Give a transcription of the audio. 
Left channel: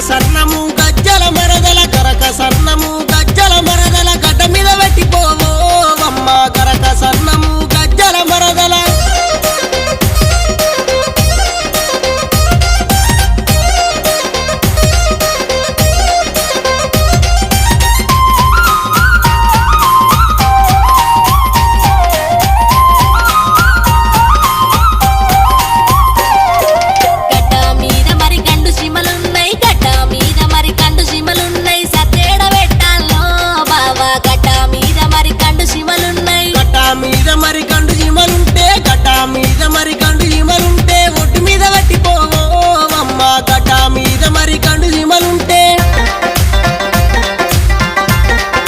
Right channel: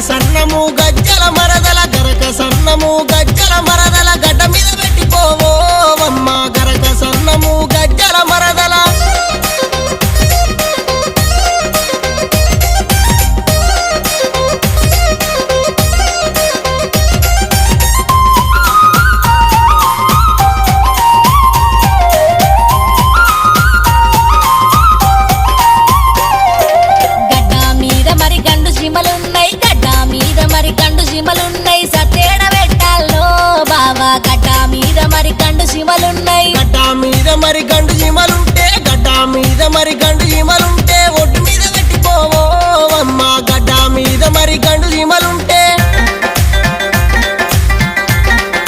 సన్నము గజ్జల మరదల గరక సన్నము గజ్జల మరదల గడ్డ మీద పెట్టిపోవమ్మ గరక సన్నము గజ్జల మరదల మరి గండు జీమలుంటే గడ్డ మీద మరి గండు జీమలుంటే ఒడ్డు మీద పెట్టిపోవమ్మ గడ్డ మీద మరి గండు జీమలు